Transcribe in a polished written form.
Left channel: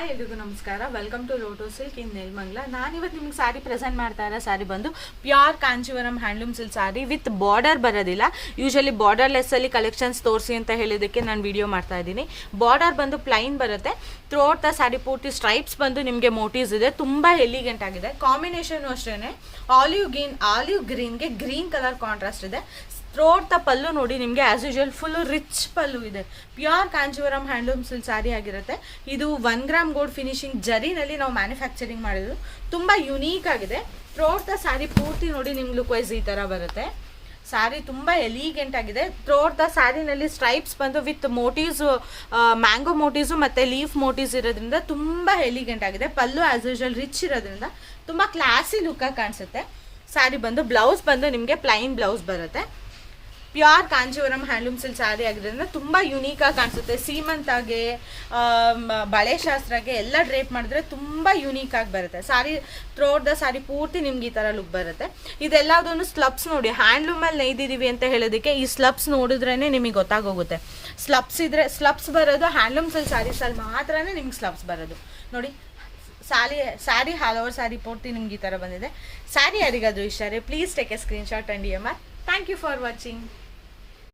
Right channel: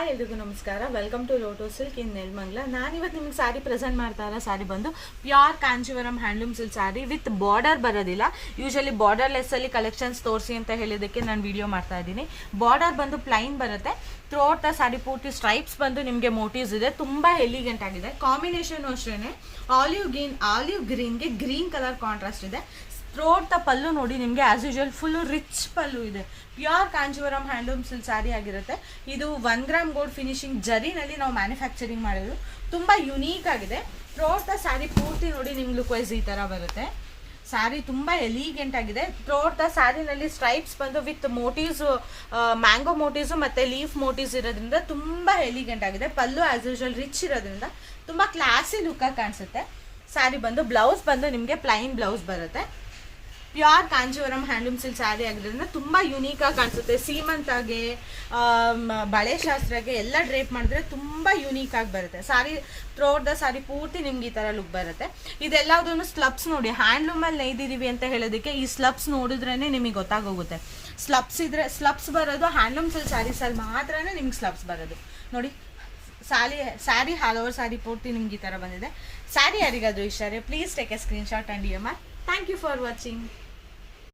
Hi ಎಲ್ರಿಗೂ ನಮಸ್ಕಾರ. Welcome to Lotto silk in Nelamangala. ನಾನಿವತ್ತು ನಿಮಗೆ ಸಾರಿ ಪ್ರೆಸೆಂಟ್ ಮಾಡ್ತಾ ಇರೋ ಸಾರಿ ಬಂದು pure Kanjeevaram handloom silk sari with border ಬರೋದಿಲ್ಲ. ಯೂಶಲಿ ಬಾರ್ಡರ್ಲೆಸ್ ಅಲ್ಲಿ ಕಲೆಕ್ಷನ್ಸ್ ತೋರಿಸಿ ಅಂತ ಹೇಳಿದಕ್ಕೆ ನಾನು ವಿಡಿಯೋ ಮಾಡ್ತಾ ಇದ್ದೀನಿ. ಬಾರ್ಡರ್ ಬಂದು ಪ್ಲೈನ್ ಬರುತ್ತೆ. ಥ್ರೋಟ್ ದ ಸಾರಿ ಪೂರ್ತಿ ಸ್ಟ್ರೈಪ್ಸ್ ಬಂದು ನಿಮಗೆ ಮೋಟಿವ್ಸ್ ಇದೆ. ತುಂಬಾ ಎಲಿಗೆಂಟ್ ಆಗಿದೆ. ಕಾಂಬಿನೇಷನ್ ಅಷ್ಟೇ ಆಲಿವ್ ಗ್ರೀನ್ಗೆ ಗ್ರೀನ್ ಕಲರ್ ಕಾಂಟ್ರಾಸ್ಟ್ ಇದೆ. ಥ್ರೋಟ್ ದ ಪಲ್ಲು ನೋಡಿ ನಿಮಗೆ ಆಸ್ ಯೂಶುವಲ್ ಫುಲ್ ರಿಚ್ ಪಲ್ಲು ಇದೆ. Pure Kanjeevaram handloom silk sari ಆಗಿರುತ್ತೆ. ಇದು 1 ಗ್ರಾಮ್ ಗೋಲ್ಡ್ ಫಿನಿಶಿಂಗ್ ಜರಿನಲ್ಲಿ ನಾವು ಮ್ಯಾನುಫ್ಯಾಕ್ಚರಿಂಗ್ ಮಾಡಿದ್ರು. ತುಂಬಾ ಯುನೀಕ್ ಆಗಿದೆ. ಥ್ರೋಟ್ ದ ಸ್ಯಾರಿ ಪೂರ್ತಿ ನೋಡಿ ನಿಮ್ಗೆ ಲುಕ್ ವೈಸ್ ಈ ತರ ಬರುತ್ತೆ. ಸ್ಯಾರಿ ತುಂಬಾ ಎಲಿಗೆಂಟ್ ಆಗಿದೆ. ಥ್ರೋಟ್ ದ ಸ್ಯಾರಿನಲ್ಲಿ ಸ್ಟ್ರೈಪ್ಸ್ ಬಂದು ವಿತ್ ಮೋಟಿವ್ಸ್, ಮ್ಯಾಂಗೋ ಮೋಟಿವ್ಸ್ ಮತ್ತೆ ಲೀಫ್ ಮೋಟಿವ್ಸ್ ಇರೋದ್ರಿಂದ ತುಂಬಾ ಎಲಿಗೆಂಟ್ ಆಗಿದೆ. ಪಲ್ಲು ಆಸ್ ಯೂಶುವಲ್ ರಿಚ್ ಇರೋದ್ರಿಂದ ತುಂಬಾ ಕ್ಲಾಸಿ ಲುಕ್ ಆಗಿ ಕಾಣಿಸುತ್ತೆ. ಸ್ಯಾರಿ ಬಂದು ಬ್ಲೌಸ್ ಬಂದು ನಿಮಗೆ ಪ್ಲೈನ್ ಬ್ಲೌಸ್ ಬರುತ್ತೆ. Pure Kanjeevaram handloom silk sari ಆಗಿರೋದ್ರಿಂದ ತುಂಬಾ ಯುನೀಕ್ ಆಗಿ ಕಾಣಿಸುತ್ತೆ. ಸೀಮಂತಾಗೆ, ಬಳೆ ಶಾಸ್ತ್ರಗೆ ಎಲ್ಲ ಡ್ರೇಪ್ ಮಾಡಿದ್ರೆ ತುಂಬಾ ಯುನೀಕ್ ಆಗಿ ಬರುತ್ತೆ. ಸಾರಿ ಥ್ರೋಟ್ ದ ಸಾರಿ ಪೂರ್ತಿ ನಿಮ್ಗೆ ಈ ತರ ಲುಕ್ ಬರುತ್ತೆ. ಇದೆಲ್ಲದನ್ನು ಸ್ಲಬ್ಸ್ ನೋಡಿ, ಹ್ಯಾಂಡ್ಲೂಮ್ ಅಲ್ಲಿ ನೇಯ್ದಿದೀವಿ ಅಂತ ಹೇಳೋದಕ್ಕೆ ಈ ಸ್ಲಬ್ಸ್ ನೋಡಿದ್ರೇನೆ ನಿಮಗೆ ಗೊತ್ತಾಗೋಗುತ್ತೆ. ಸ್ಲಬ್ಸ್ ಬರೋದು ಹ್ಯಾಂಡ್ಲೂಮ್ ಸಿಲ್ಕ್ ಸ್ಯಾರೀಸ್ ಅಲ್ಲಿ ಮಾತ್ರನೇ ನಿಮ್ಗೆ ಸ್ಲಬ್ಸ್ ಬರೋದು. ನೋಡಿ ಸ್ಯಾರಿ ಆಲ್ ಓವರ್ ಸ್ಯಾರಿ ಪೂರ್ತಿ ನಿಮ್ಗೆ ಈ ತರ ಬಂದಿದೆ. ಸ್ಯಾರಿ ಯಾರಿಗಾದ್ರೂ ಇಷ್ಟ please take a screenshot and DMR. Thank you for watching.